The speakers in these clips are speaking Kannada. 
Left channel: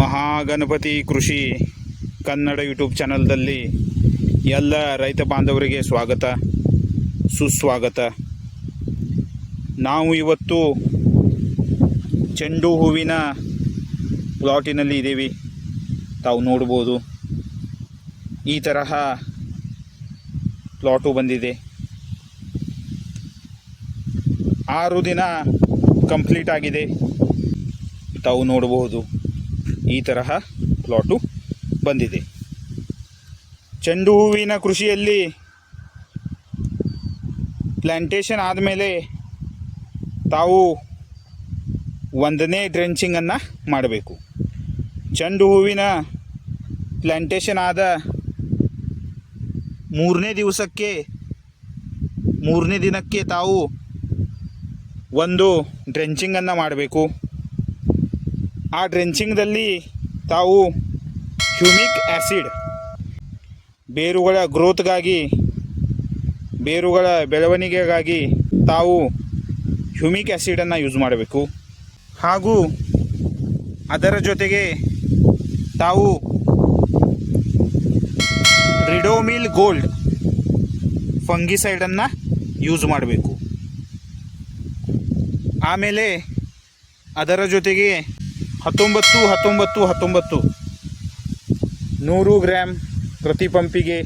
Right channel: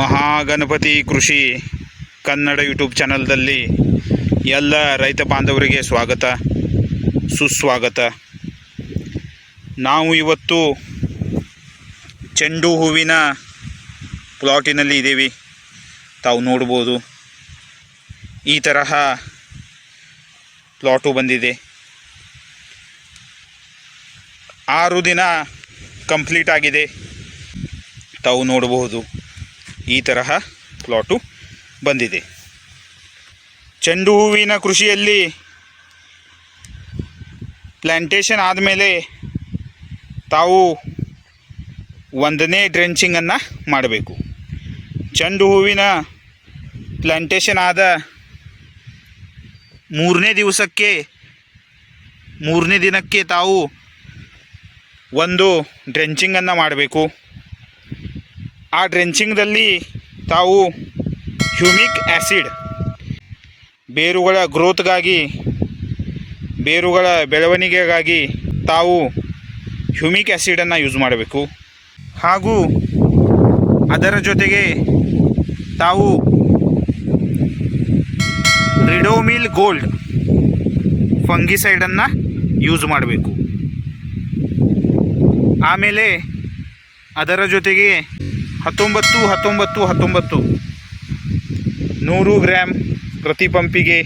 ಮಹಾಗಣಪತಿ ಕೃಷಿ ಕನ್ನಡ ಯೂಟ್ಯೂಬ್ ಚಾನಲ್ದಲ್ಲಿ ಎಲ್ಲ ರೈತ ಬಾಂಧವರಿಗೆ ಸ್ವಾಗತ ಸುಸ್ವಾಗತ. ನಾವು ಇವತ್ತು ಚೆಂಡು ಹೂವಿನ ಪ್ಲಾಟಿನಲ್ಲಿ ಇದ್ದೀವಿ. ತಾವು ನೋಡ್ಬೋದು ಈ ತರಹ ಪ್ಲಾಟು ಬಂದಿದೆ. 6 ದಿನ ಕಂಪ್ಲೀಟ್ ಆಗಿದೆ. ತಾವು ನೋಡಬಹುದು ಈ ತರಹ ಪ್ಲಾಟು ಬಂದಿದೆ. ಚೆಂಡು ಹೂವಿನ ಕೃಷಿಯಲ್ಲಿ ಪ್ಲ್ಯಾಂಟೇಷನ್ ಆದಮೇಲೆ ತಾವು 1ನೇ ಡ್ರೆಂಚಿಂಗನ್ನು ಮಾಡಬೇಕು. ಚೆಂಡು ಹೂವಿನ ಪ್ಲ್ಯಾಂಟೇಷನ್ ಆದ 3ನೇ ದಿನಕ್ಕೆ ತಾವು ಒಂದು ಡ್ರೆಂಚಿಂಗನ್ನು ಮಾಡಬೇಕು. ಆ ಡ್ರೆಂಚಿಂಗ್ದಲ್ಲಿ ತಾವು ಹ್ಯೂಮಿಕ್ ಆ್ಯಸಿಡ್ ಬೇರುಗಳ ಗ್ರೋತ್ಗಾಗಿ, ಬೇರುಗಳ ಬೆಳವಣಿಗೆಗಾಗಿ ತಾವು ಹ್ಯೂಮಿಕ್ ಆ್ಯಸಿಡನ್ನು ಯೂಸ್ ಮಾಡಬೇಕು. ಹಾಗೂ ಅದರ ಜೊತೆಗೆ ತಾವು ರಿಡೋಮಿಲ್ ಗೋಲ್ಡ್ ಫಂಗಿಸೈಡನ್ನು ಯೂಸ್ ಮಾಡಬೇಕು. ಆಮೇಲೆ ಅದರ ಜೊತೆಗೆ 19-19-19 100 ಗ್ರಾಮ್ ಪ್ರತಿ ಪಂಪಿಗೆ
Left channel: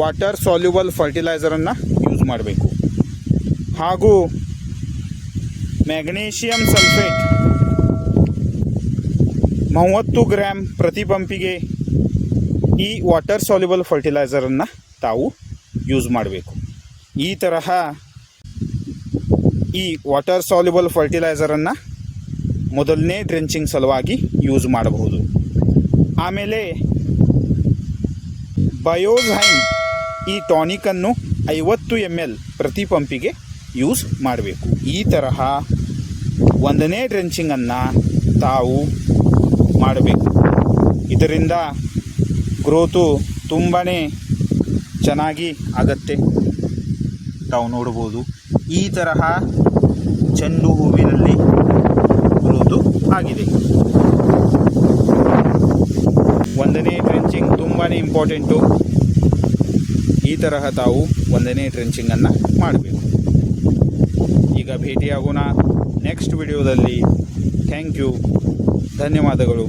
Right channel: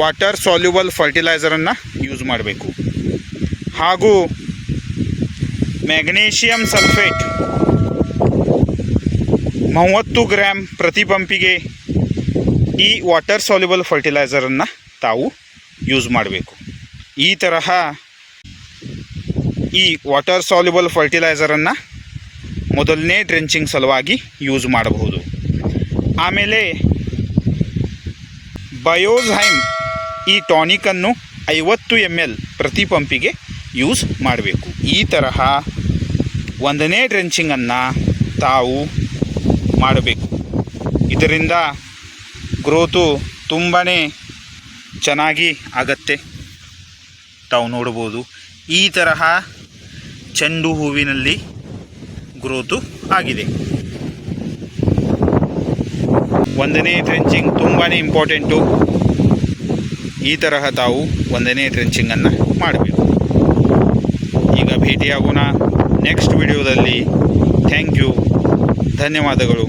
ವಾಟರ್ ಸಾಲ್ಯುಬಲ್ ಫರ್ಟಿಲೈಸರನ್ನು ಯೂಸ್ ಮಾಡಬೇಕು. ಹಾಗೂ ಮ್ಯಾಗ್ನೀಷಿಯಮ್ ಸಲ್ಫೇಟ್ 30 ಗ್ರಾಮ್ ಪ್ರತಿ ಪಂಪಿಗೆ ಈ ವಾಟರ್ ಸಾಲ್ಯುಬಲ್ ಫರ್ಟಿಲೈಸರನ್ನು ತಾವು ಯೂಸ್ ಮಾಡಬೇಕು. ಈ ತರಹ ಈ ವಾಟರ್ ಸಾಲ್ಯುಬಲ್ ಫರ್ಟಿಲೈಸರನ್ನು ಮೊದಲನೇ ಡ್ರೆಂಚಿಂಗ್ ಸಲುವಾಗಿ ಯೂಸ್ ಮಾಡಬಹುದು. ಆಮೇಲೆ ಬಯೋಝೈಮ್ ಈ ಟಾನಿಕನ್ನು 50 ml ಪ್ರತಿ ಪಂಪಿಗೆ ಯೂಸ್ ಮಾಡಬೇಕು. ಈ ತರಹ 1ನೇ ಡ್ರೆಂಚಿಂಗನ್ನು ತಾವು ಮಾಡಬೇಕು. ಇದರಿಂದ ಗ್ರೋತು ತುಂಬಾ ಚೆನ್ನಾಗಿ ಆಗತ್ತೆ. ತಾವು ನೋಡ್ಬೋದು ಈ ತರಹ ಚೆಂಡು ಹೂವಿನಲ್ಲಿ ಗ್ರೋತು ಆಗಿದೆ. 1ನೇ ಡ್ರೆಂಚಿಂಗ್ ತುಂಬಾ ಇಂಪಾರ್ಟೆಂಟು. ಈ ತರಹ ತಾವು 1ನೇ ಡ್ರೆಂಚಿಂಗನ್ನು ಮಾಡಬೇಕು. ಈಗ ಭೇಟಿಯಾಗೋಣ ನೆಕ್ಸ್ಟ್ ವಿಡಿಯೋದಲ್ಲಿ. ಥ್ಯಾಂಕ್ ಯು, ಧನ್ಯವಾದಗಳು.